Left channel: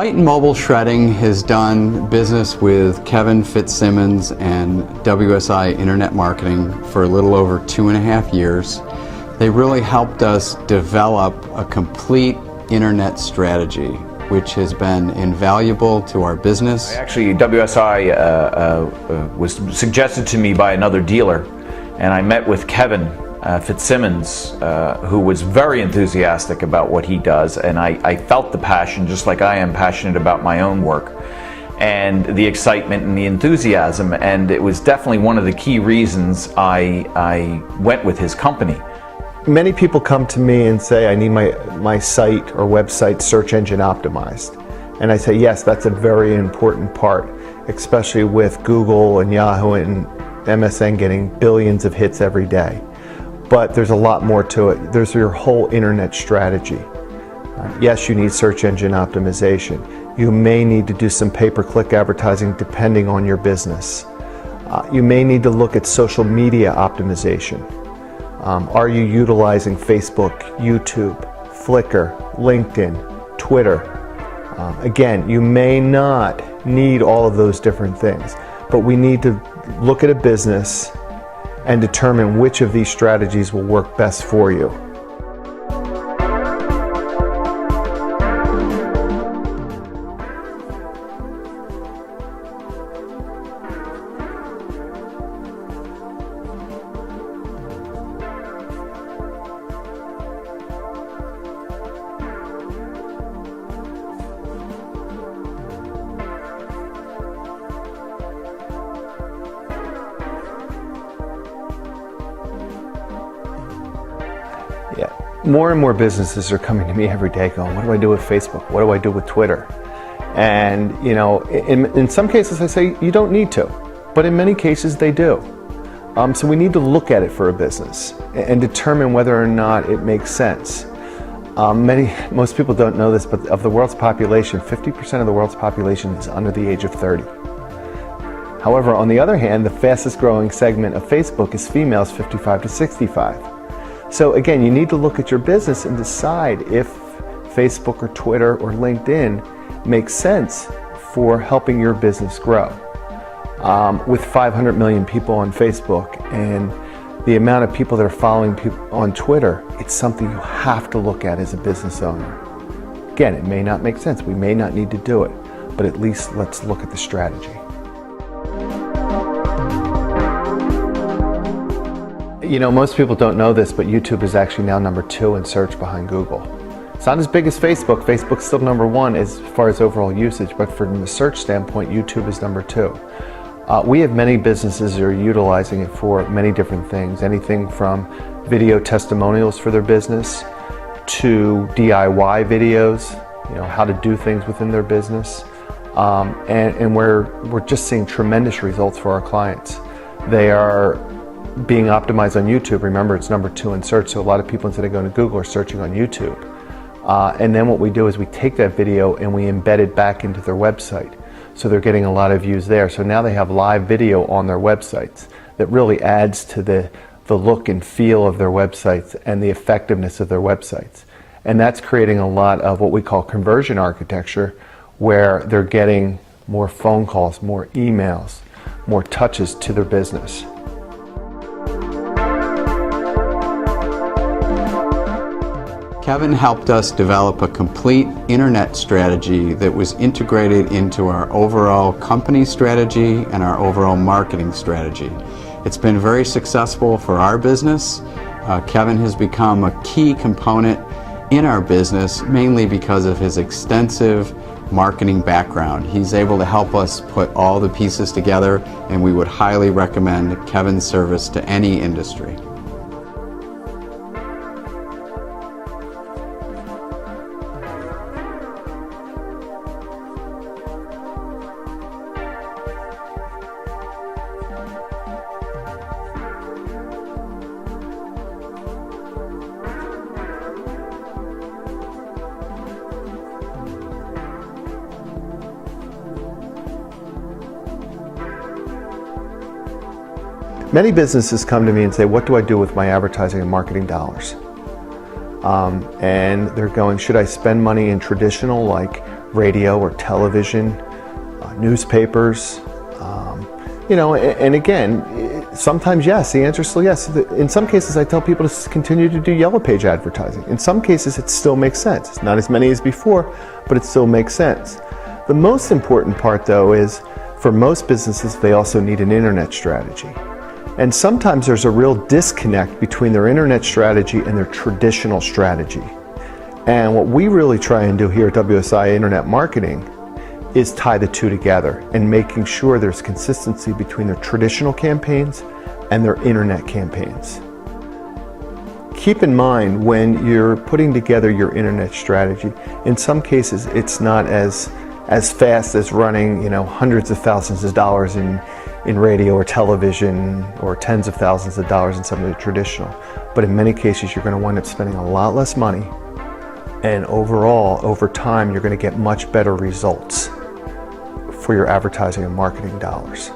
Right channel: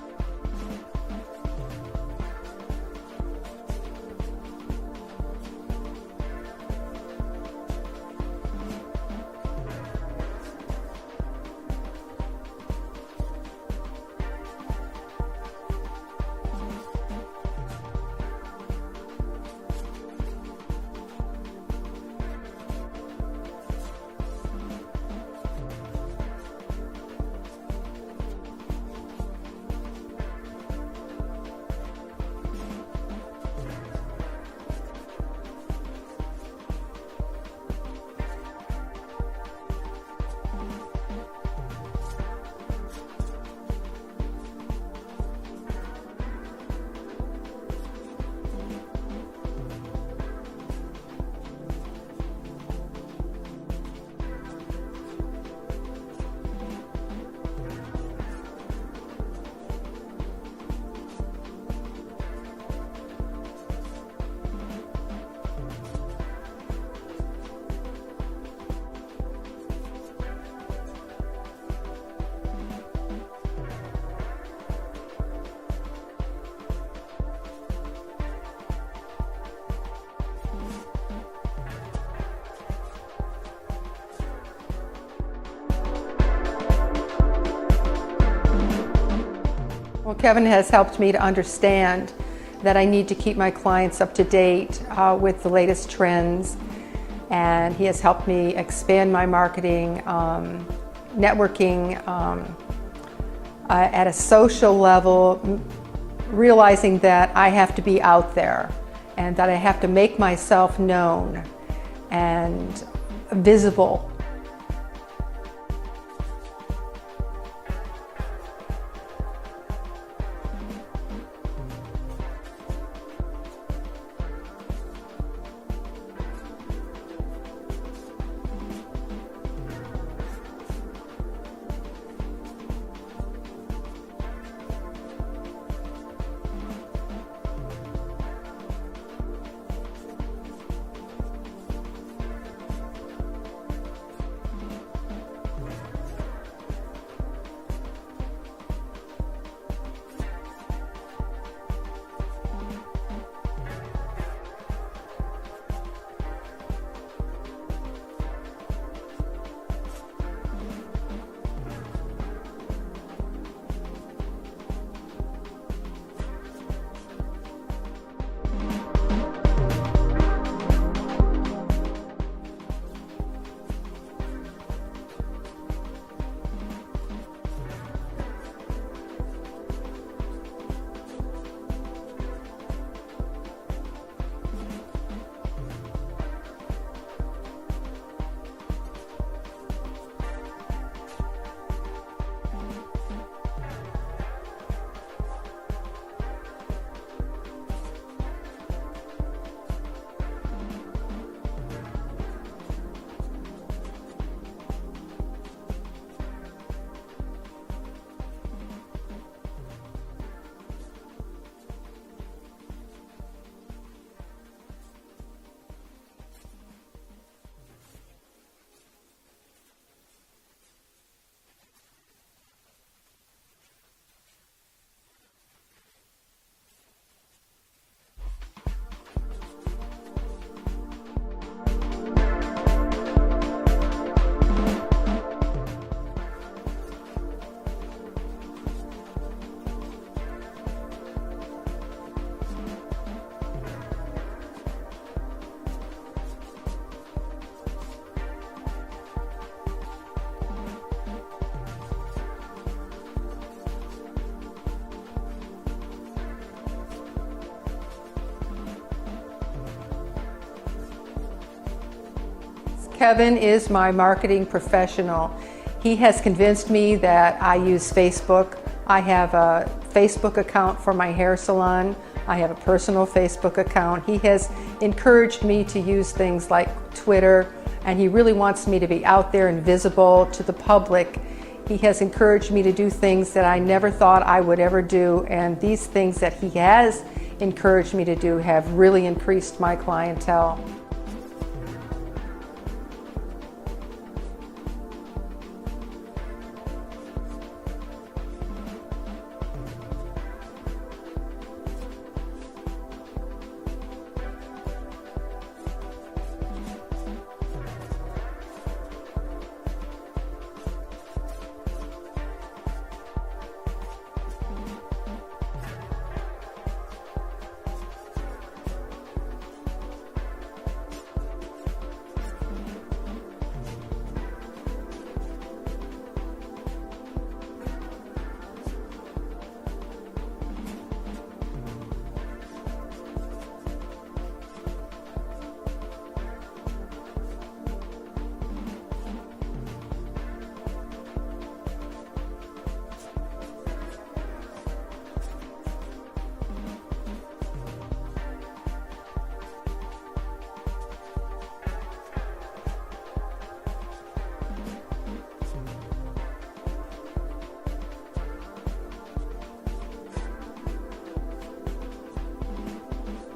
Titan Mobile Shredding has done business with Kevin Fitzsimmons and WSI Internet Marketing for a little over 2.5 years. They really helped us develop a complete internet strategy, which has been invaluable to our business. Actually, WSI was suggested to me by another dealer, and I met with Kevin Fitzsimmons, who was very enthusiastic about what he does, and I felt the passion just like I am passionate about my own work, and the excitement and the enthusiasm, and it was definitely one of the key reasons I went with his company. Many people come to me and say, I need my site or website search engine optimized. And I say, yes, that's a very important part, especially with Google and Yahoo and MSN getting billions of hits every day. But there's a lot more to it. There's your whole internet strategy. Yes, you need search engine optimization. You may need to do some pay-per-click advertising depending on your business. You may need to look at social media optimization. Are you utilizing Facebook, YouTube, Flickr, LinkedIn, Twitter? Again, you may not need all of those different things, but we need to look at a business and determine which of these strategies will work best for you. Well, Kevin has helped me to understand that I need to keep my clients up to date with the latest trends, and he has helped me expand my marketing, networking at a social level, realizing that I have to be out there and that I have to make myself known and visible. Yeah, more and more businesses are coming to me every day going, what do I do with Facebook? What do I do with Twitter? And you know, in some cases I say you don't need to, but in many cases they do. So we need to look at it for a business and determine whether or not it makes sense. Most people don't know this, but of the world's population, 50% of the world's population is under the age of 30. However, on the other hand, the fastest growing segment of Facebook is females 55 to 65. So again, you need to look at your business and decide if Facebook or Twitter or LinkedIn makes sense for helping your business grow. With 500 million people on Facebook and the amount of people that are following people on Twitter, it's something you have to look at as a business owner. Again, it may not make sense. We may not need to do it, but at least let's look at the strategy. You know, most people don't know this, but YouTube is actually now #2 in search behind Google. It's not as big as Facebook. Facebook's still #1 as far as overall usage, but from the search standpoint, YouTube is #2. We have many businesses that are utilizing it for many different things, anything from video testimonials for their business to DIY videos, you know, how to do things within their business. And we're just seeing tremendous results for our clients. They are being optimized on YouTube. Remember, it's #2 in search, so a lot of people, instead of going to Google, are searching on YouTube. And then what we do is we take that video and we embed it back into their website. So they're getting a lot of views there. So now they have live video on their websites that really adds to the look and feel of their websites and the effectiveness of their websites. And that's creating a lot of what we call conversion architecture, where they're getting more phone calls, more emails, more touches to their business. Kevin helped us develop a complete internet strategy that was integrated into our overall company strategy and our overall marketing strategy. It's been very successful for our business. Kevin has become a key component in our business, mainly because of his extensive marketing background. He's able to help us put all the pieces together, and we would highly recommend Kevin's service to any industry. Kevin is my marketing professional. He has convinced me that I use Facebook. I have a Facebook account for my hair salon. I have a personal Facebook account. He has encouraged me to use things like Twitter, and he really wants me to be out there and visible to the public. He has encouraged me to do things that I never thought I would ever do, and these things that he has encouraged me to do have really increased my clientele. Many businesses come to me and say, what do I do with my advertising and marketing dollars? And they're going, should I spend money in traditional like radio or television, newspapers. And again, sometimes yes, the answer is still yes. In some cases, I tell people to continue to do yellow page advertising. In some cases, it still makes sense. It's not as many as before, but it still makes sense. The most important part, though, is for most businesses, they also need an internet strategy. And sometimes there's a real disconnect between their internet strategy and their traditional strategy. And what we really try and do here at WSI Internet Marketing is tie the two together and making sure there's consistency between their traditional campaigns and their internet campaigns. Keep in mind when you're putting together your internet strategy, in some cases it's not as fast as running hundreds of thousands of dollars in radio or television, or tens of thousands of dollars in some of the traditional. But in many cases you're going to wind up spending a lot less money, and overall, over time, you're going to get much better results for your advertising and marketing dollars.